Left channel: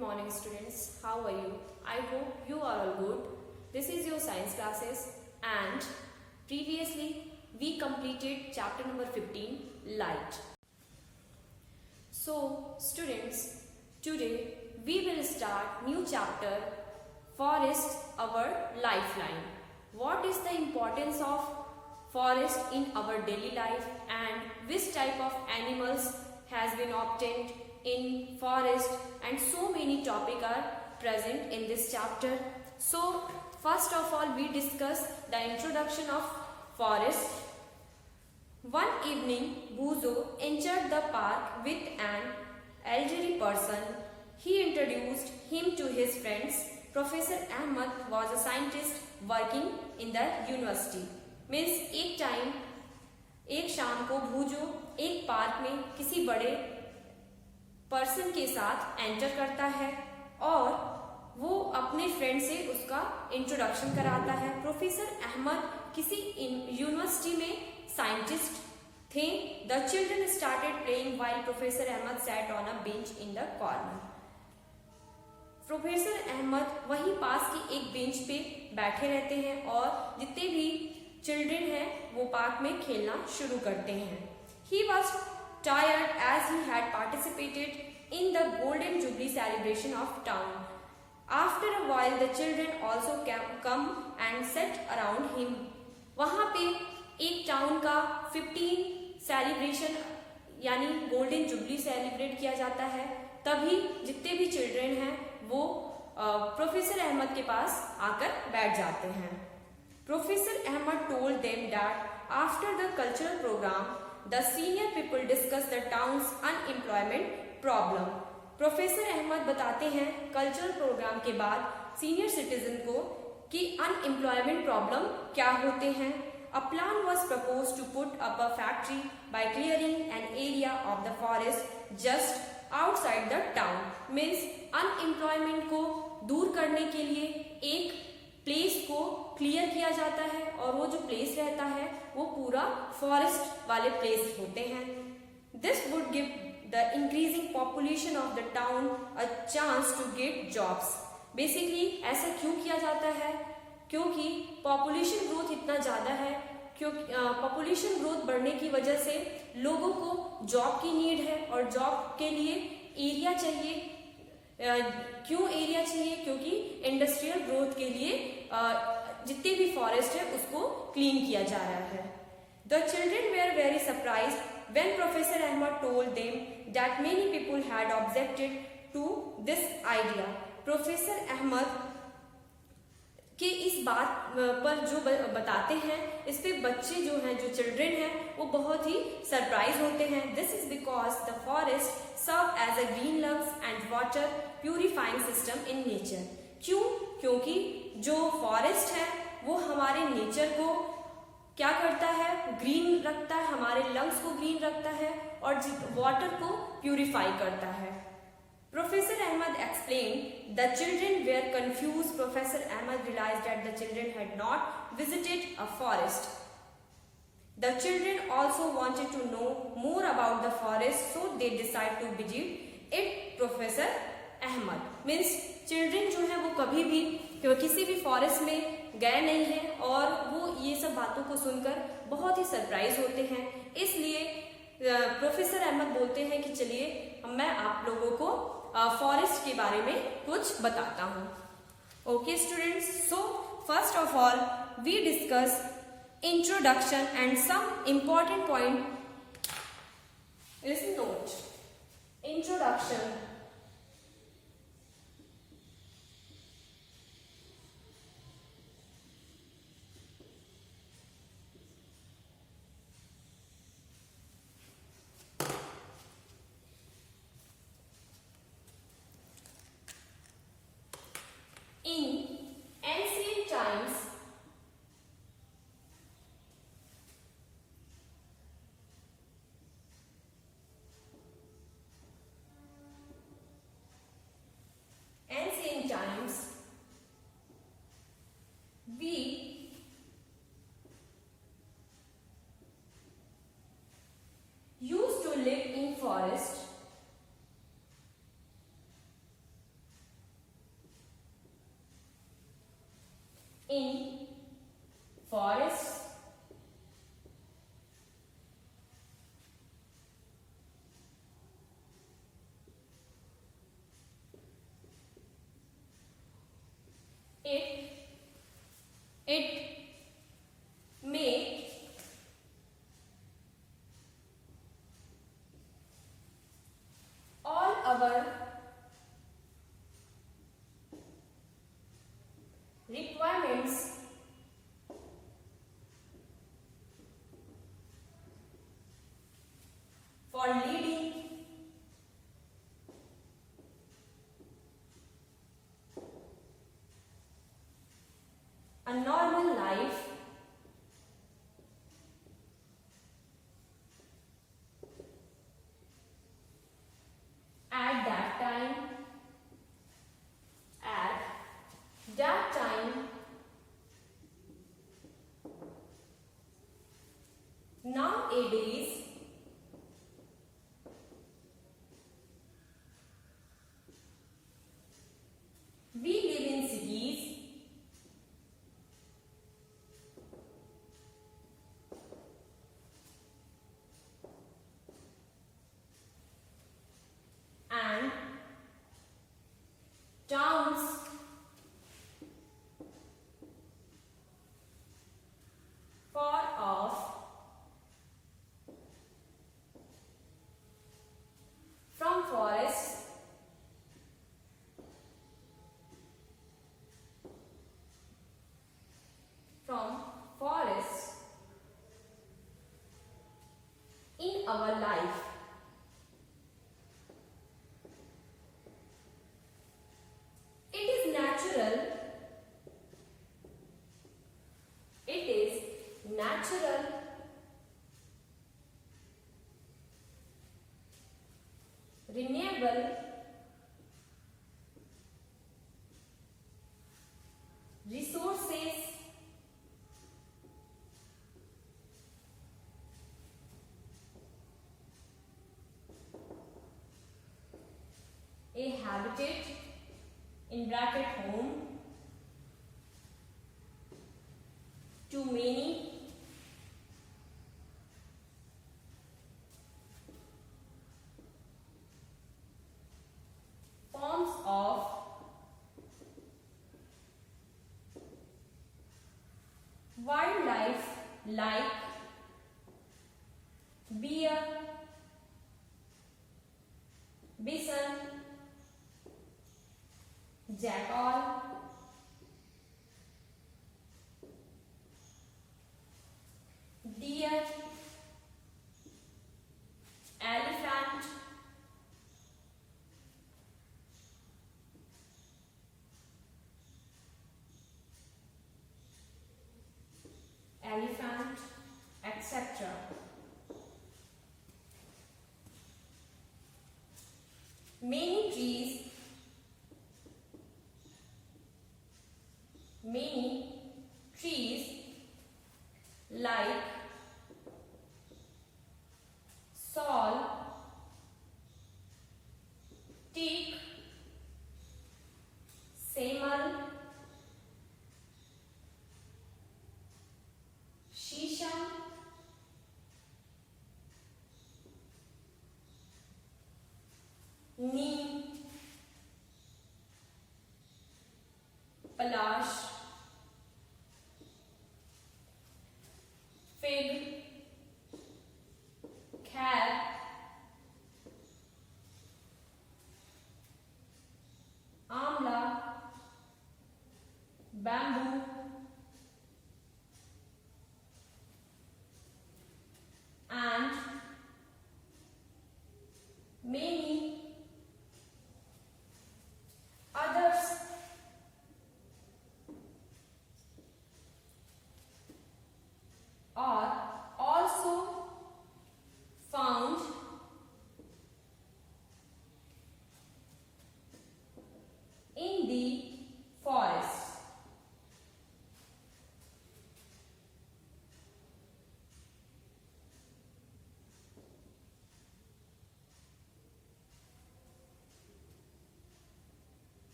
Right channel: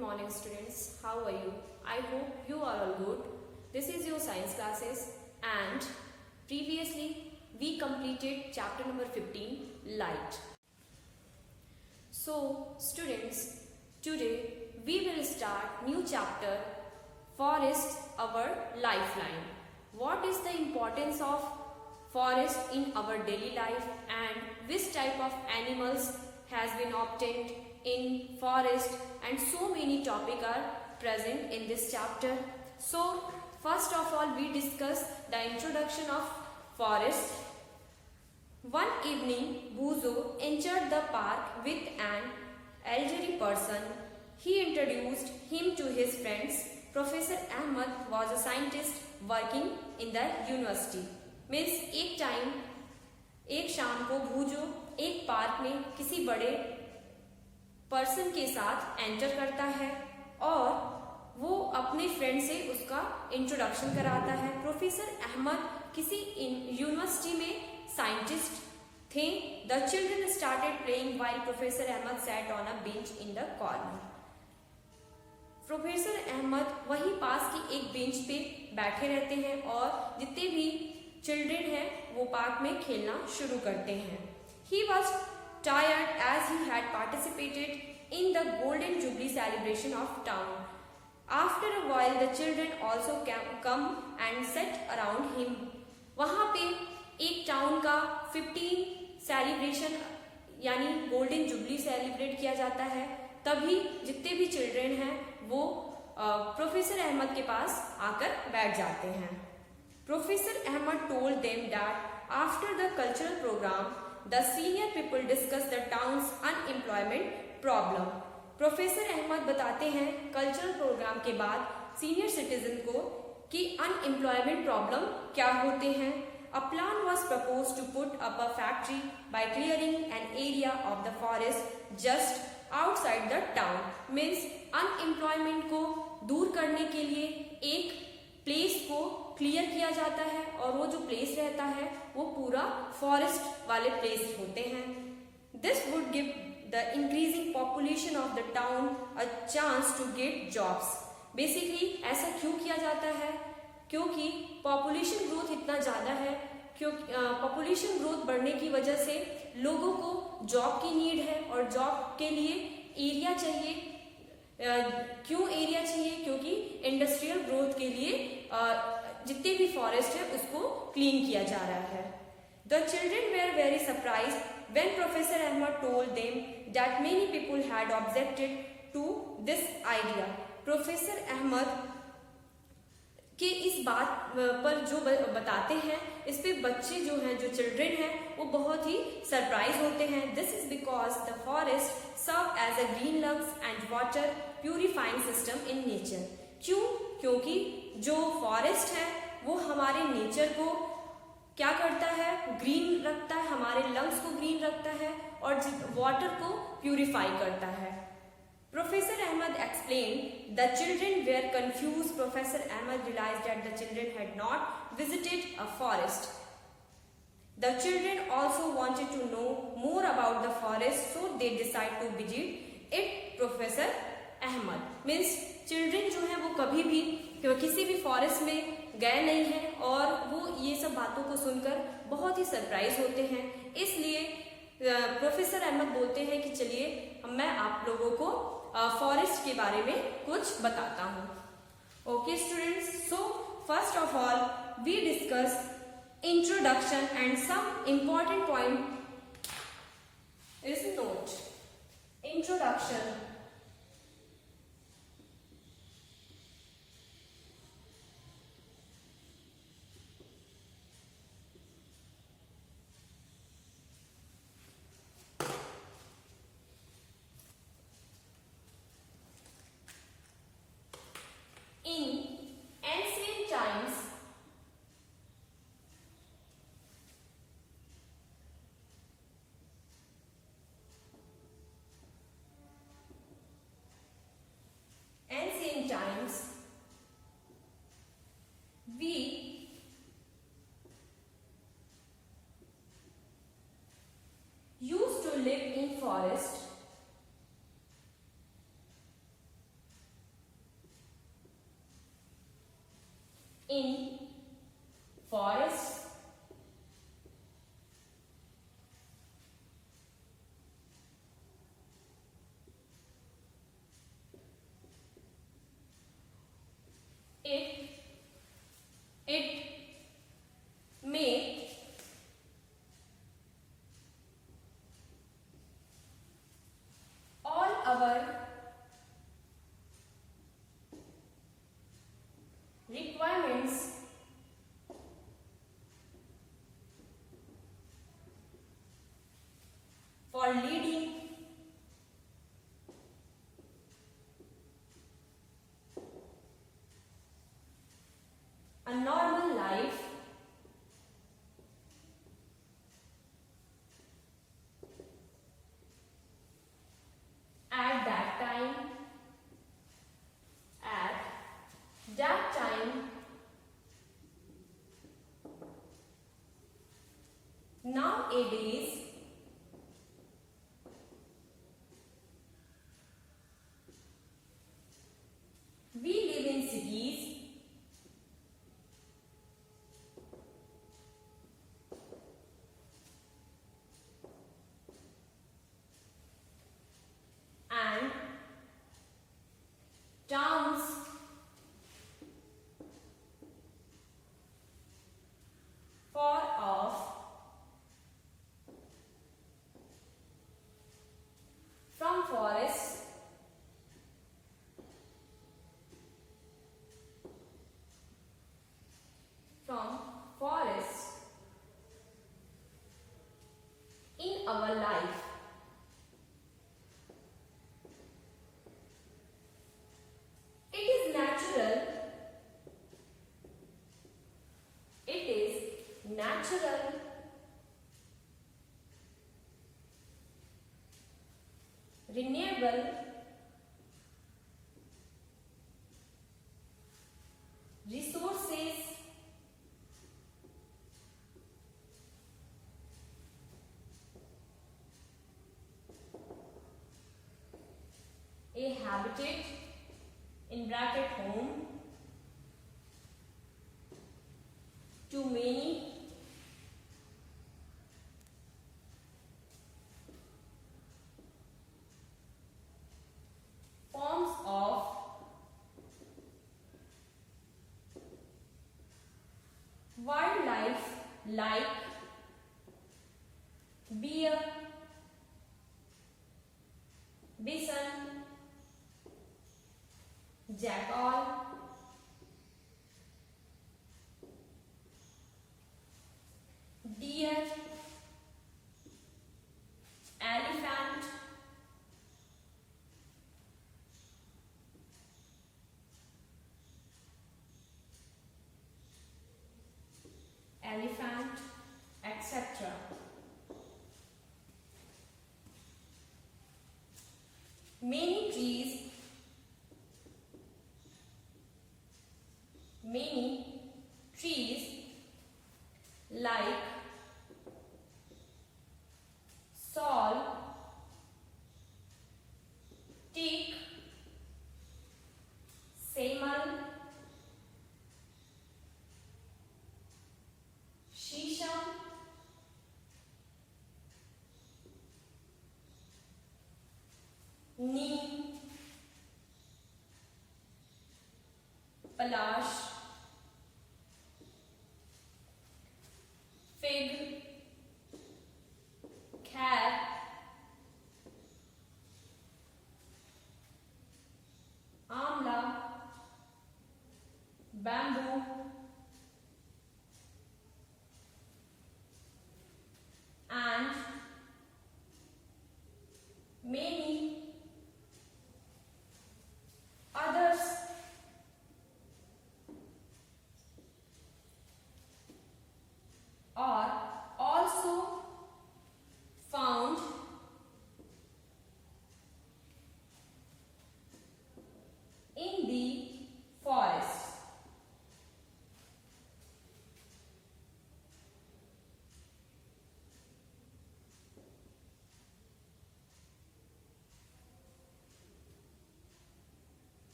morning students, how are you? I hope you are all good. This is your science classes and previously we completed chapter number 15, light. So students, today we will start new chapter, forest, our lifeline. What is the importance of forest in our daily life and which type of animals has been obtained in forest, and so many topics are present in this chapter. So first of all we discuss the introduction of forest. One evening Buzo entered the park with an elderly person. He introduced him to his friends. Professor Ahmed was a scientist working in the university. Means एक शाम को भूजो एक पार्क में किसी बड़े पर्सन के साथ एंटर करता है और वो अपने फ्रेंड से उसका इंट्रोडक्शन कराता है। प्रोफेसर अहमद किसी यूनिवर्सिटी में साइंटिस्ट थे। The children started playing while professor Ahmed sat on a bench in the corner. Professor Ahmed वहीं पास की एक बेंच पे बैठे रहते हैं और जितने भी चिल्ड्रन हैं वो पार्क में खेलना शुरू करते हैं। He was tired as he had participated in the Golden Jubilee celebration of town. After a while, the children also come and sat around him. वहाँ पे एक टाउन का 15 सेलिब्रेशन यानी गोल्डन जुबली सेलिब्रेट किया जाता है। तभी जितने भी चिल्ड्रन हैं वो प्रोफेसर अहमद के पास आकर बैठ जाते हैं। Professor Ahmed told them that after the cultural program, the senior people discussed the town's unemployment problem. Professor Ahmed बताते हैं कल्चरल प्रोग्राम के बाद सीनियर सिटीजन को कि अनएम्प्लॉयमेंट प्रॉब्लम क्या होते हैं। A plan was proposed to put up a factory by clearing an area of the forest just outside the town. Means unemployment को दूर करने के लिए एक प्लेस को क्लियर किया जाता है और वो जो प्लेस रहता है वो पूरा फॉरेस्ट वाले प्लेस होते हैं। This would give the increasing population of the town a chance to get jobs. Basically ऐसा क्यों किया जाता है? क्योंकि पॉपुलेशन ग्रोथ इतना ज्यादा है, क्योंकि पॉपुलेशन ग्रोथ बढ़ने की वजह से लोगों को जॉब की नीड है और जॉब के लिए एरिया चाहिए। क्यों एरिया चाहिए? क्योंकि इंडस्ट्रियल ग्रोथ के लिए जितने भी फॉरेस्ट है उसको क्लीन किया जा रहा है। The children were very surprise when professor Ahmed told them that many people had objected to this idea. Professor Ahmed के इस बात पर जो बताते हैं इस पे बच्चे जो हैं, जो चिल्ड्रन हैं, वो बहुत ही सरप्राइज होते हैं। This is because the forest serve as a green lungs and water purifying system in nature. क्यों? क्योंकि जो फॉरेस्ट है वो हमारे नेचर को क्या करता है? ग्रीन रखता है, हमारे लंग्स को ग्रीन रखता है और वाटर को प्यूरिफाई करता है। Professor Ahmed explained the children were confused. Professor Ahmed realized that the children had not visited a forest. The children also wanted to know more about the forest, so they decided to visit it. Professor Ahmed means children जो है वो कभी भी किसी भी फॉरेस्ट में गए नहीं हैं और वो ये सब बातों को सुनकर बहुत ही सरप्राइज होते हैं। इसलिए प्रोफेसर अहमद बोलते हैं कि चलिए मैं आप लोगों को फॉरेस्ट के बारे में कुछ बताता हूँ। Okay students, so first of all we discuss introduction and some important point is note. Introduction in ancient times, in forests, it may all our requirements for leading a normal life at that time. Nowadays, we live in cities and towns far off from forests, in our life. It is natural. Renewable resources a habitat in bracket home to many forms of wildlife like bear, bison, jackal, deer, elephant, etc. Many trees like sal, teak, semal, shisha, neem, palash, fig, kher, amla, bamboo, and many others. Are also found in the forest.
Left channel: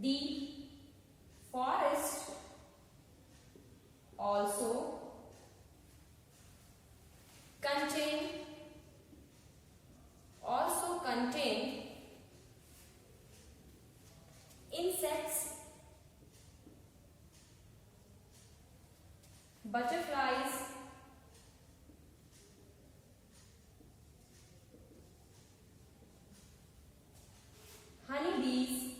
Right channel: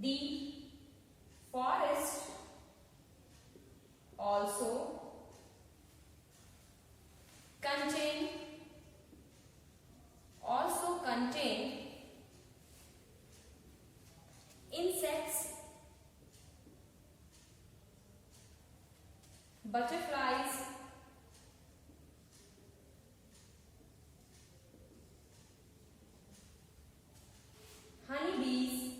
The forest contain insects, butterflies, honeybees,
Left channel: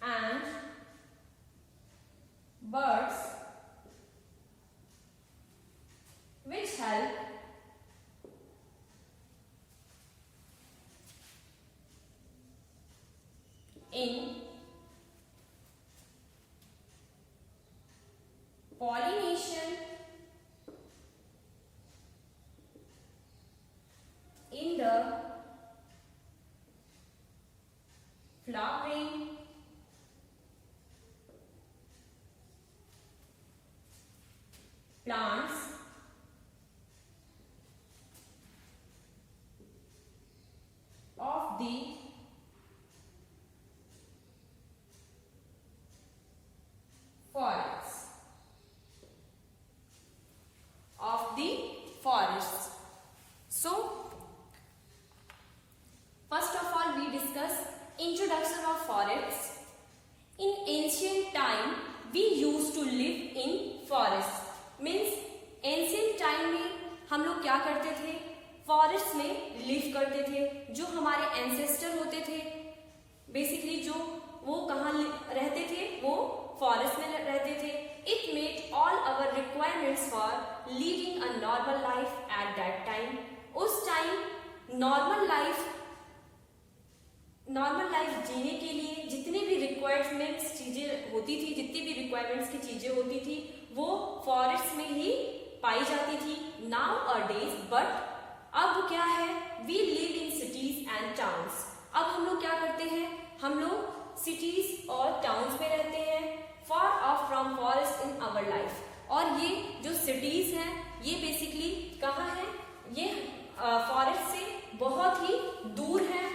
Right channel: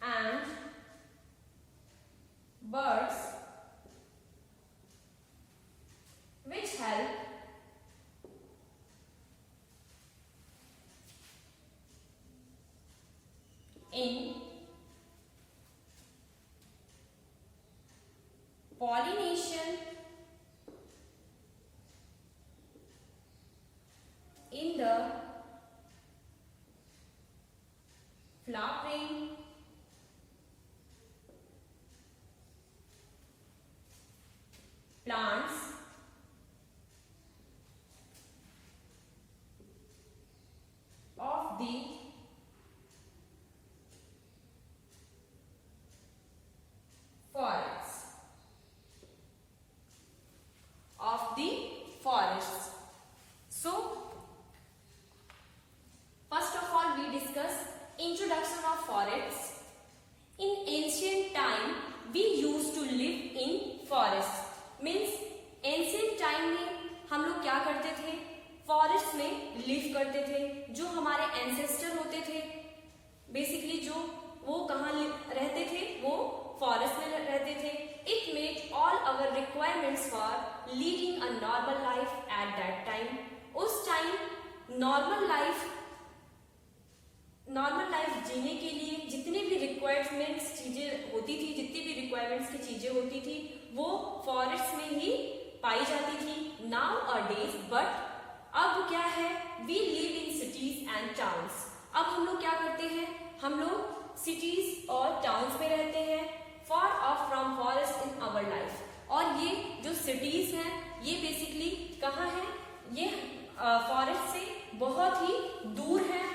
and birds which help in pollination, in the flowering, plants, of the forests. So, first of all, we discuss introduction of forests. In ancient time, we used to live in forests. Means ancient time में हम लोग क्या करते थे? फॉरेस्ट में लिव करते थे. जो हमारे एंसेस्टर होते थे, बेसिकली जो वो कहाँ रहते थे? वो फॉरेस्ट में रहते थे. It made all our requirements for leading a normal life at that time. उस टाइम नॉर्मल लाइफ जीने के लिए जितने भी रिक्वायरमेंट्स चीजें होती थी, जितनी भी रिक्वायरमेंट्स की चीजें होती थी, वो फॉरेस्ट में ही पाई जाती थी. नाउ अ डेज, बट अब क्या है? We live in cities and towns. अब हम लोग क्या करते हैं? हम लोग सिटीज और टाउन्स में रहते हैं, far off from forest in our life. और ये जो सिटीज हैं, ये बेसिकली कहाँ है? ये फॉरेस्ट से बहुत ही दूर है.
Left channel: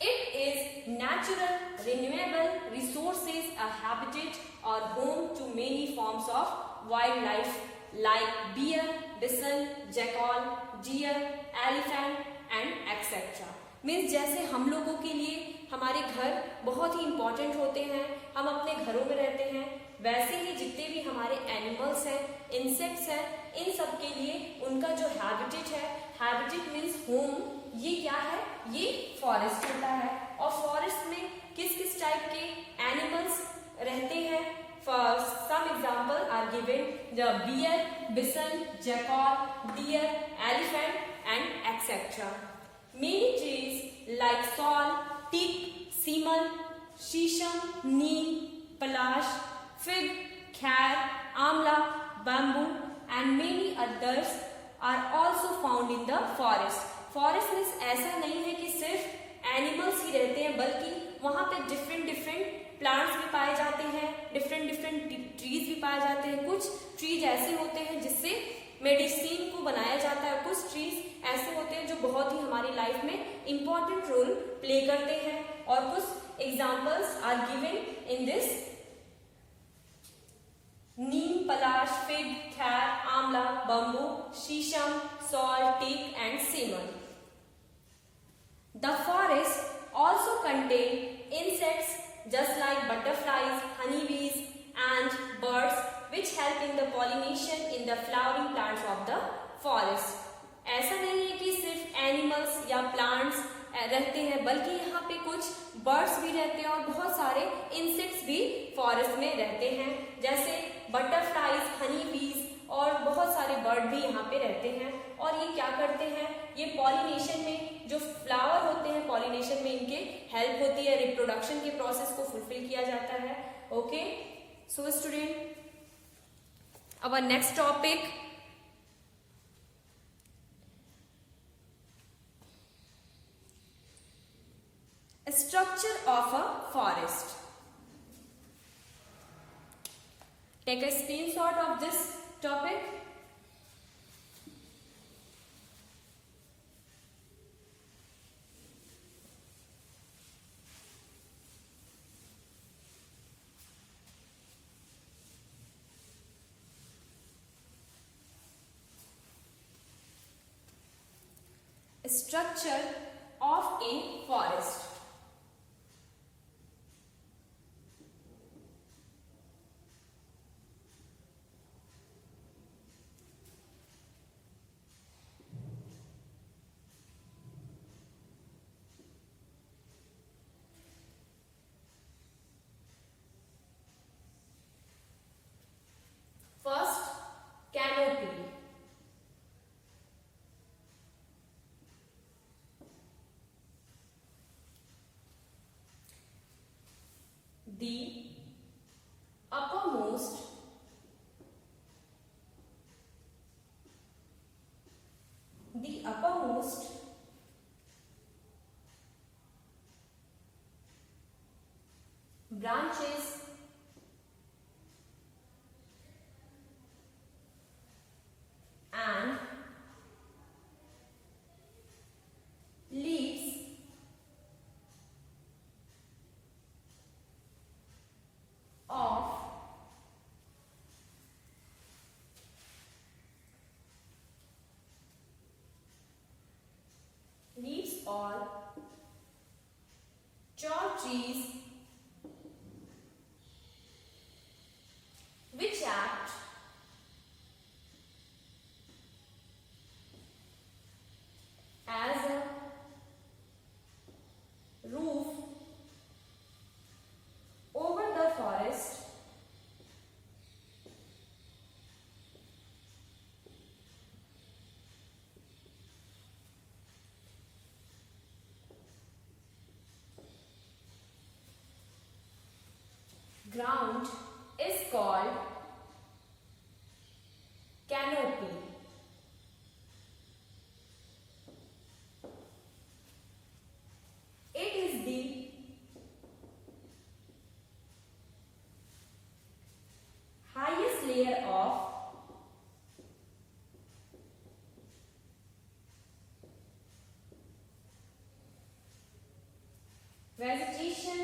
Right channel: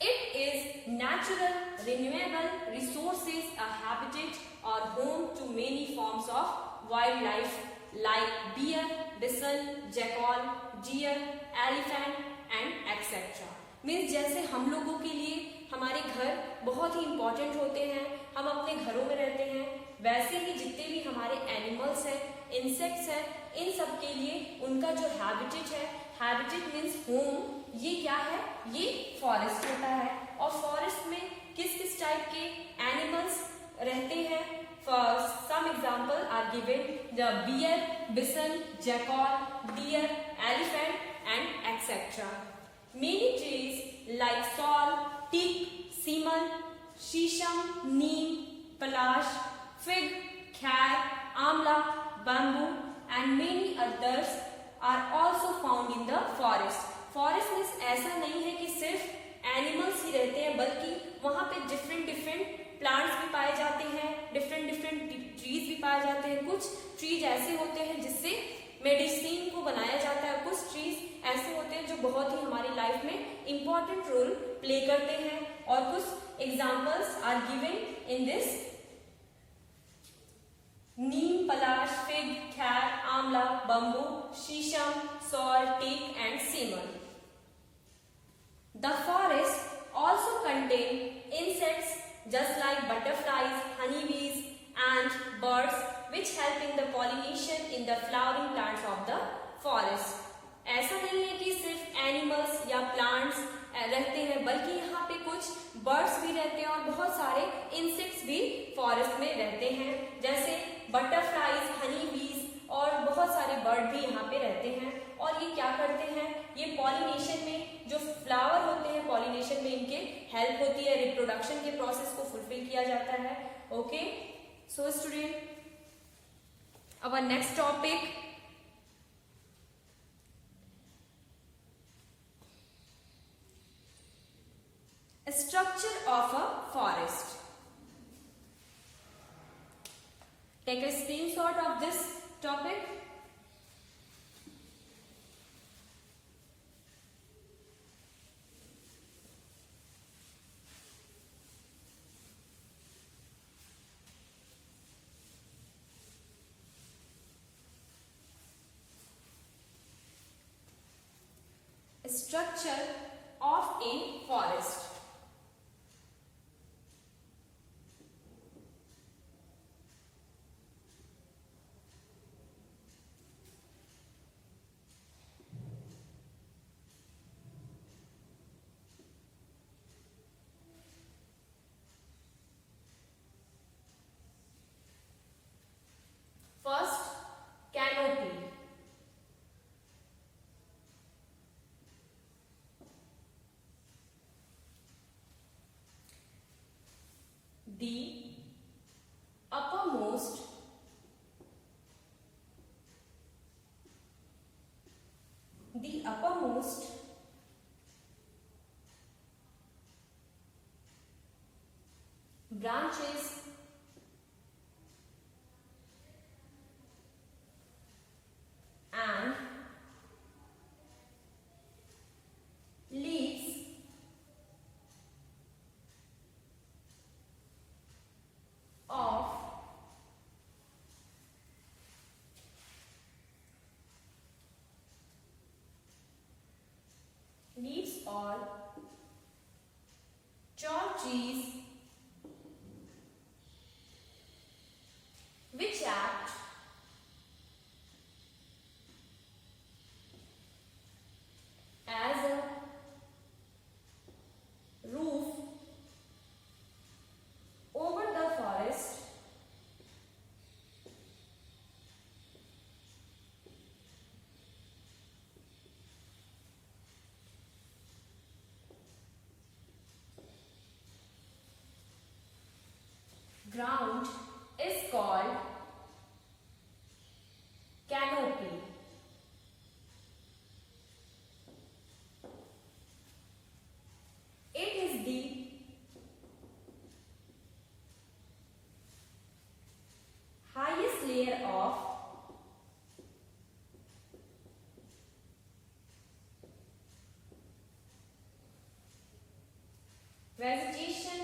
It is natural, renewable resources, a habitat or home to many forms of wildlife like bear, bison, jackal, deer, elephant and etc. Means जैसे हम लोगों के लिए हमारे घर बहुत ही इंपॉर्टेंट होते हैं, हम अपने घरों में रहते हैं, वैसे ही जितने भी हमारे एनिमल्स हैं, इंसेक्ट्स हैं, इन सब के लिए उनका जो हैबिटेट है, हैबिटेट मीन्स होम, ये क्या है? ये फॉरेस्ट होता है. और फॉरेस्ट में किस किस टाइप के एनिमल्स रहते हैं? For some example are given the bear, bison, jackal, deer, elephant and etcetera. Many trees like sal, teak, simul, shisham, neem, palash, fig, khair, amla, bamboo and many others are also found in the forest. Forest में ऐसा नहीं है कि सिर्फ एनिमल्स ही रहते हैं, बल्कि वहाँ पे डिफरेंट प्लांट्स भी पाए जाते हैं, डिफरेंट ट्रीज भी पाए जाते हैं. कुछ ट्रीज ऐसे होते हैं जिससे मेडिसिन को बनाया जाता है, कुछ ट्रीज ऐसे होते हैं जो बहुत ही हमारी लाइफ में इंपॉर्टेंट रोल प्ले करते हैं. और कुछ examples are given in this: neem, palash, fig, khair, amla, bamboo, sheesham, sal, teak and simal. The forest also contain insects just like butterflies, honeybees and birds which help in the pollination in the flowering plants of the forest. ऐसा नहीं है कि सिर्फ एनिमल्स या प्लांट्स रहते हैं, बल्कि यहाँ पे कुछ बर्ड्स भी रहते हैं और बहुत सारे इंसेक्ट्स भी फॉरेस्ट में रहते हैं, जैसे बटरफ्लाइज, हनीबीज और बहुत सारे बर्ड भी यहाँ पे रहते हैं. और ये क्या करते हैं? ये पॉलिनेशन में जो फ्लावर होते हैं, पॉलिनेशन में इनके हेल्प होती है, रिप्रोडक्शन के प्रोसेस को फुलफिल किया जाता है. Okay, so student, our next topic, structure of a forest. Take a screenshot of this topic. structure of a forest. First, canopy. The uppermost branches and leaves of tall trees which act as a roof over the forest ground is called canopy. It is the highest layer of vegetation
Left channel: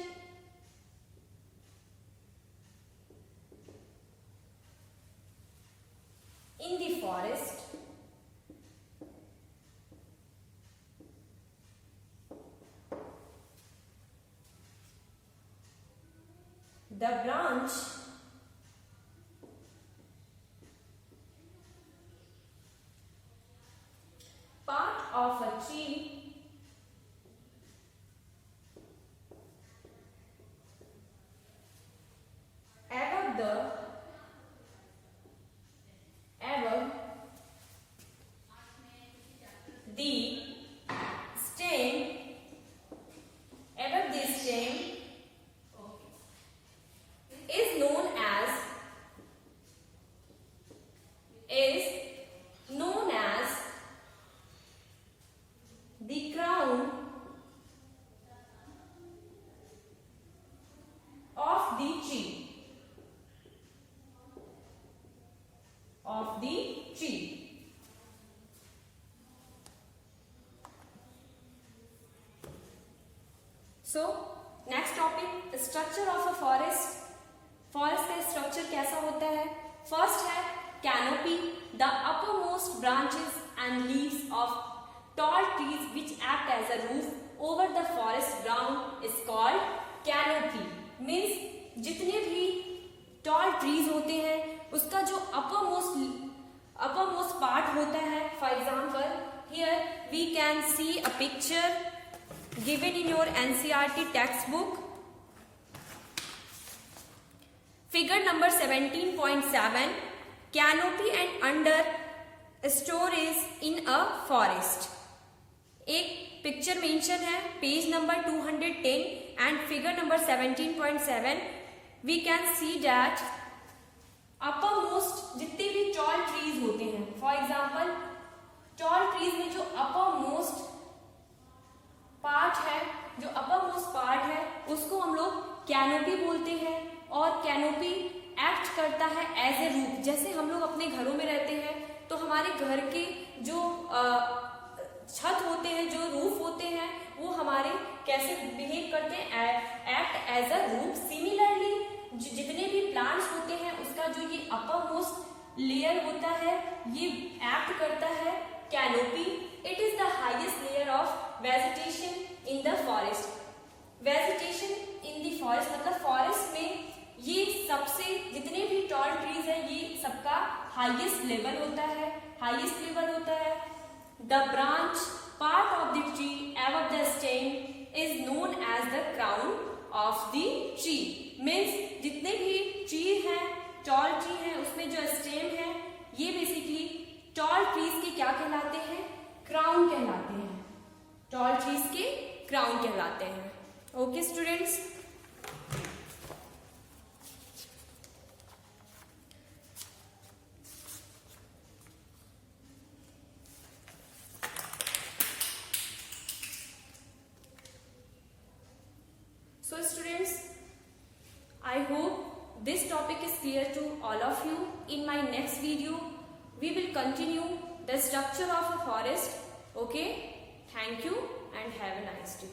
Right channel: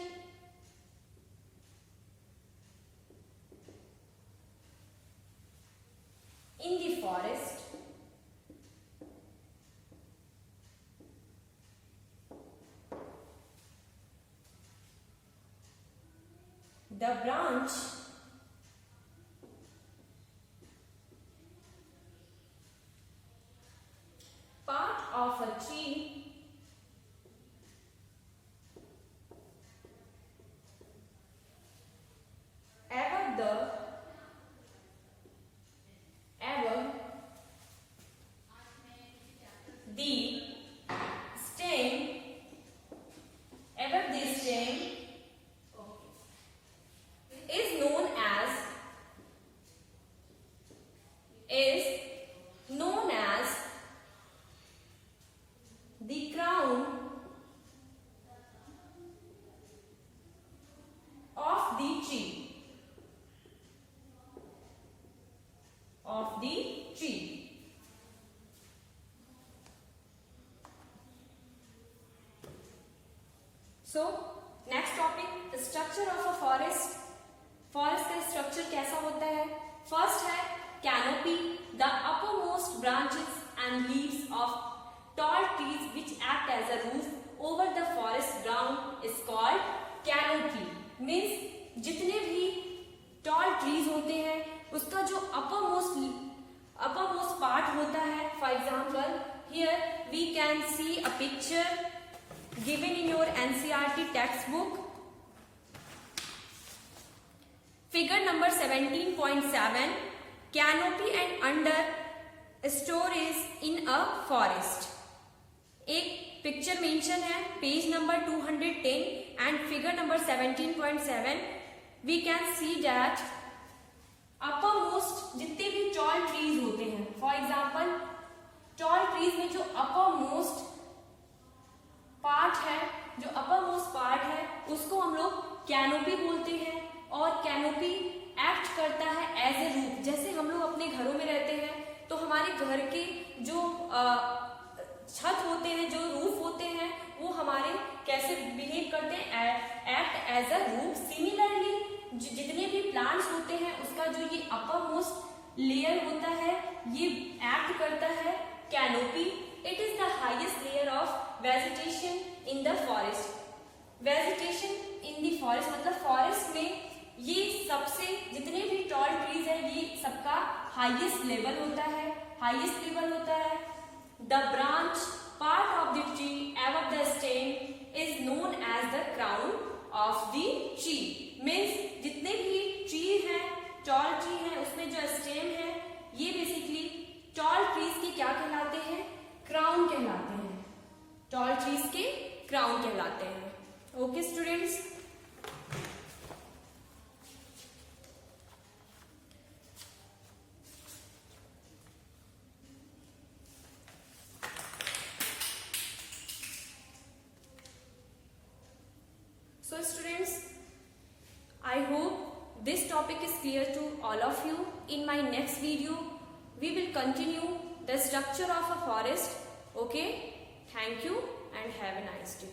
in the forest. The branch part of a tree above the stem is known as the crown of the tree. So next topic, structure of a forest. Forest का स्ट्रक्चर कैसा होता है? फर्स्ट है canopy, the uppermost branches and leaves of tall trees which act as a roof over the forest ground is called canopy. Means जितने भी tall trees होते हैं उसका जो uppermost part होता है. For example, here we can see a picture given in your NCERT textbook. Figure number 17.7, canopy and under storage in a forest. एक picture mention है page number 210 and figure number 17.7. We can see that uppermost जितने भी tall trees होते हैं, for example tall trees में जो upper most part है उसको हम लोग कैनोपी बोलते हैं. और कैनोपी एक्ट करता है एज ए रूफ. जैसे हम लोग अपने घरों में रहते हैं तो हमारे घर के जो छत होते हैं, जो रूफ होते हैं, वो हमारे कैसे बिहेव करते हैं, act as a roof. Similarly जितने भी प्लांट्स होते हैं उसका जो ये अपर मोस्ट लेयर होता है ये एक्ट करता है canopy. It is the highest layer of vegetation in the forest. Vegetation in the forest मतलब forest में ये सबसे जितने भी टॉल ट्रीज है ये सबका हाईएस्ट लेवल होता है, हाईएस्ट लेवल होता है. The branch part of the tree above the stem is known as the crown of the tree. Means जितने भी ट्री हैं, टॉल ट्री हैं, उसमें जो स्टेम है ये बेसिकली टॉल ट्रीज के क्या कहलाते हैं? क्राउन कहलाते हैं. टॉल ट्रीज के क्राउन कहलाते हैं. Okay students. So students, I hope this topic is clear to all of you. In my next video, we will continue the structure of a forest. Okay? Thank you and have a nice day.